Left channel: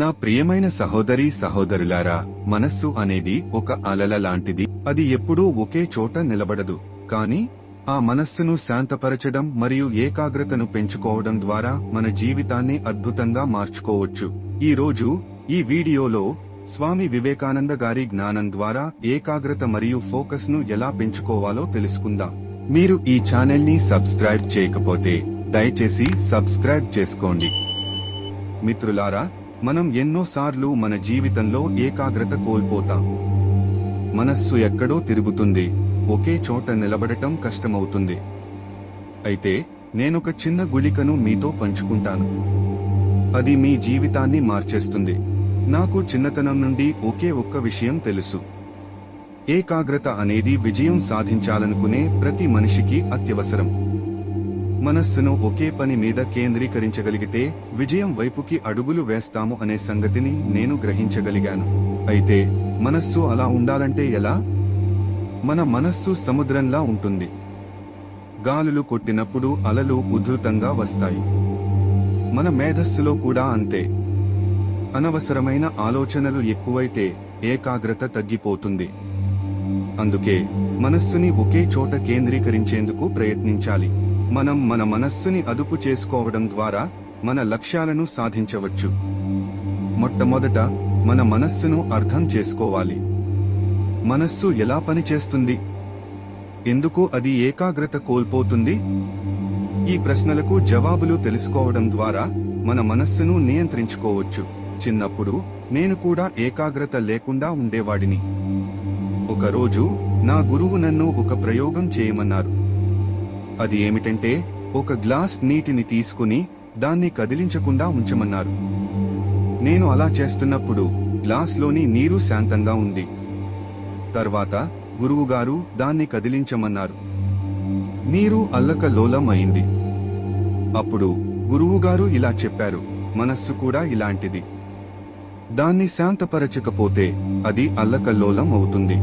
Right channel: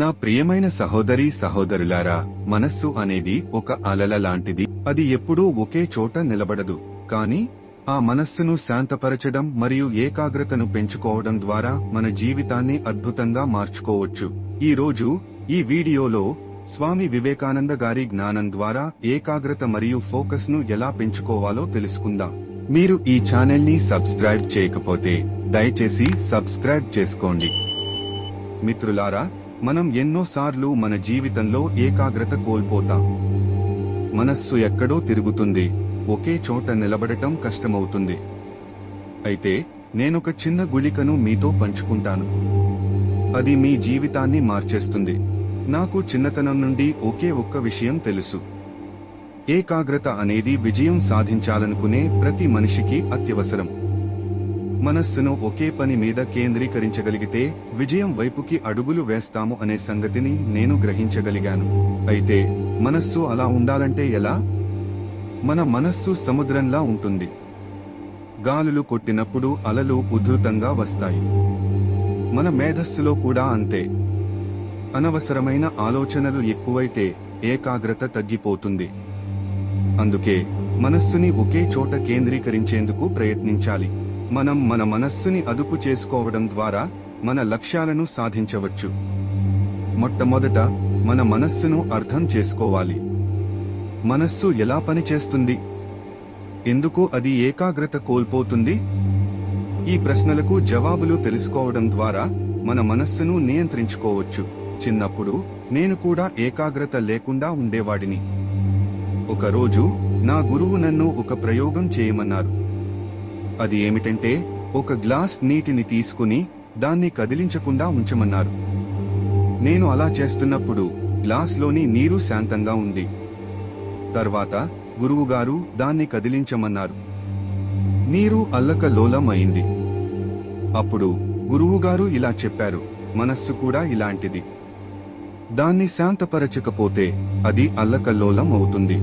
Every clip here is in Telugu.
నా ప్రియమైన సహోదరి సహోదరులారా మనస్సు అనేది ఒక అలల లాంటిది. అది ఎప్పుడూ ఒకే చోట నిలబడదు. కాని ఆ మనస్సును శాంతపరచడం మరియు ఏకాగ్రతను పెంచుకోవడం ద్వారా మన జీవితాన్ని అద్భుతంగా మార్చుకోవచ్చు. ఈ రోజు ఈ వీడియోలో స్వామి వివేకానంద గారి జ్ఞానం ద్వారా ఏకాగ్రత మరియు ఫోకస్ను ఎలా పెంచుకోవాలో తెలుసుకుందాం. మీరు ఈ ఛానల్ని సబ్స్క్రైబ్ చేయకపోతే దయచేసి సబ్స్క్రైబ్ చేసుకోండి. మిత్రులారా మనం ఎన్నోసార్లు మన జీవితంలో ఏకాగ్రత కోల్పోతాం. మనస్సు ఎక్కడో తిరుగుతుంది. ఒకే చోట నిలబడటం కష్టమవుతుంది. అయితే నేనొక చిన్న గుళికను మీతో పంచుకుంటాను. అది మీ జీవితాన్ని మార్చేస్తుంది. నాకు చిన్నతనం నుండి ఒకే ఒక్క విషయం తెలుసు. ఏకాగ్రత అనేది విజయం సాధించాలనుకునే ప్రతి మనిషికి అత్యవసరం. మనస్సును ఒకే పని మీద కేంద్రీకరించగలిగితే విజయం వైపుకి అడుగులు వేస్తాము అనే సంగతిని నేను గ్రహించగలిగాను. అయితే మనస్సు అలా ఉండాలంటే ఎలా? మన మనస్సు సముద్రంలా ఉంటుంది. గాలులు కొట్టినప్పుడు అలలు ఉధృతంగా వస్తాయి. మన మేధస్సులో కూడా అంతే. అనవసరమైన ఆలోచనలు ఎక్కువైతే ఏకాగ్రత తగ్గిపోతుంది. అందుకే మనస్సుని ఒకే చోట కేంద్రీకరించేందుకు ప్రయత్నించాలి. మనం మన మనస్సుని అదుపు చేసుకోవడం ద్వారా మన లక్ష్యాలను సాధించవచ్చు. మొట్టమొదట మన మనస్సును అర్థం చేసుకోవాలి. మనస్సు ఎలా పనిచేస్తుంది ఎందుకు అది ఏకాగ్రత కోల్పోతుంది? ఈ ప్రశ్నలకు జవాబులు తెలుసుకోవడం ద్వారా మన మనస్సును నియంత్రించుకోవచ్చు. చిన్నప్పుడు నేను కూడా ఏకాగ్రత లేకుండా ఉండేవాడిని. ఒకరోజు నా గురువు నన్ను ఒక ప్రయోగం చేయమన్నారు. అది ఏమిటంటే ఒక గ్లాస్ నీటిని తీసుకుని దాన్ని కదిలించకుండా ఉంచమన్నారు. నేను అలా చేస్తున్నప్పుడు గ్లాస్లోని నీరు శాంతంగా ఉంది. తర్వాత గురువుగారు దాన్ని కదిలించమన్నారు. నీరు అల్లకలోలం అయింది అప్పుడు గురువుగారు ఇలా చెప్పారు మనస్సు కూడా ఇలాంటిది. దాన్ని శాంతపరచకపోతే అది అల్లకల్లోలం అవుతుంది.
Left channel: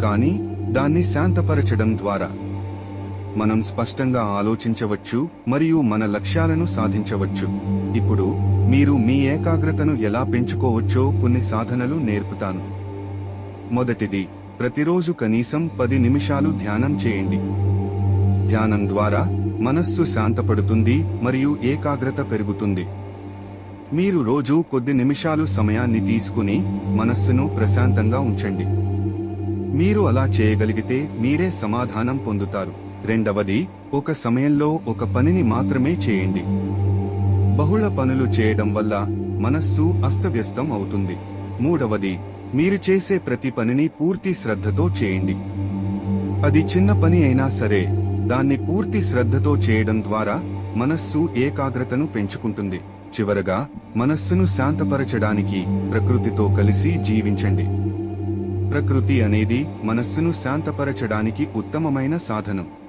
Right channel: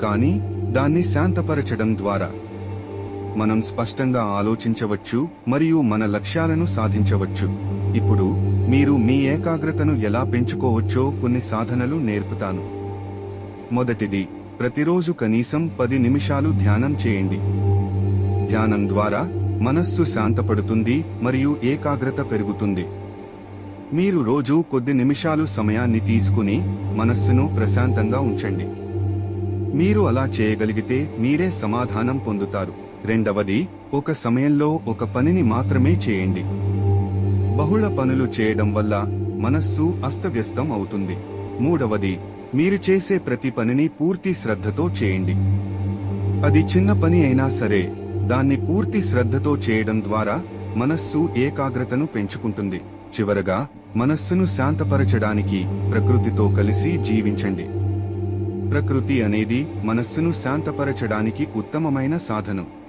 కానీ దాన్ని శాంతపరచడం ద్వారా మనం స్పష్టంగా ఆలోచించవచ్చు మరియు మన లక్ష్యాలను సాధించవచ్చు. ఇప్పుడు మీరు మీ ఏకాగ్రతను ఎలా పెంచుకోవచ్చో కొన్ని సాధనలు నేర్పుతాను. మొదటిది ప్రతిరోజు కనీసం పది నిమిషాలు ధ్యానం చేయండి. ధ్యానం ద్వారా మనస్సు శాంతపడుతుంది మరియు ఏకాగ్రత పెరుగుతుంది. మీరు రోజు కొద్ది నిమిషాలు సమయాన్ని తీసుకుని మనస్సును ప్రశాంతంగా ఉంచండి. మీరు అలా చేయగలిగితే మీరే సమాధానం పొందుతారు. రెండవది ఒక సమయంలో ఒక పనిని మాత్రమే చేయండి. బహుళ పనులు చేయడం వల్ల మనస్సు అస్తవ్యస్తం అవుతుంది. మూడవది మీరు చేసే ప్రతి పనిని పూర్తి శ్రద్ధతో చేయండి. అది చిన్న పని అయినా సరే దాన్ని పూర్తి శ్రద్ధతో చేయడం ద్వారా మనస్సు ఏకాగ్రతను పెంచుకుంటుంది. చివరగా మనస్సును శాంతపరచడానికి ప్రకృతితో కలిసి జీవించండి. ప్రకృతి అనేది మనస్సును శాంతపరచడానికి ఉత్తమమైన సాధనం.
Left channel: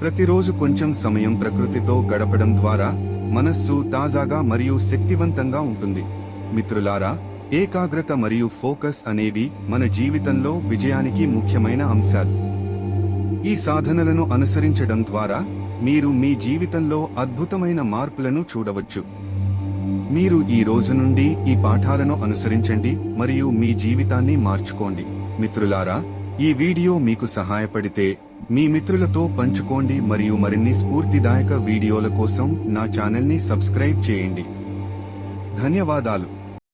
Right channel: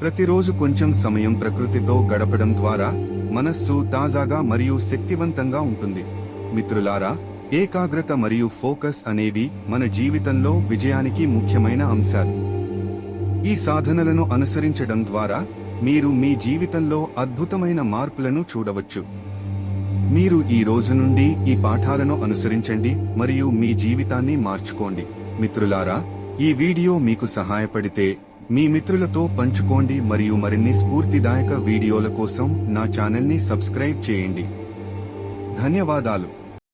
ప్రతిరోజు కొంచెం సమయం ప్రకృతితో గడపడం ద్వారా మనస్సు తాజాగా మరియు శక్తివంతంగా ఉంటుంది. మిత్రులారా ఏకాగ్రత మరియు ఫోకస్ అనేవి మన జీవితంలో విజయానికి ముఖ్యమైన అంశాలు. ఈ సాధనలను అనుసరించడం ద్వారా మీరు మీ జీవితంలో అద్భుతమైన మార్పులను చూడవచ్చు. మీరు ఈ రోజు నుండి ఈ పాఠాలను అనుసరించండి మరియు మీ జీవితాన్ని మార్చుకోండి. మిత్రులారా ఈ వీడియో మీకు సహాయపడితే మీ మిత్రులతో పంచుకోండి మరియు మరిన్ని స్ఫూర్తిదాయక వీడియోల కోసం నా ఛానల్ని సబ్స్క్రైబ్ చేయండి. ధన్యవాదాలు.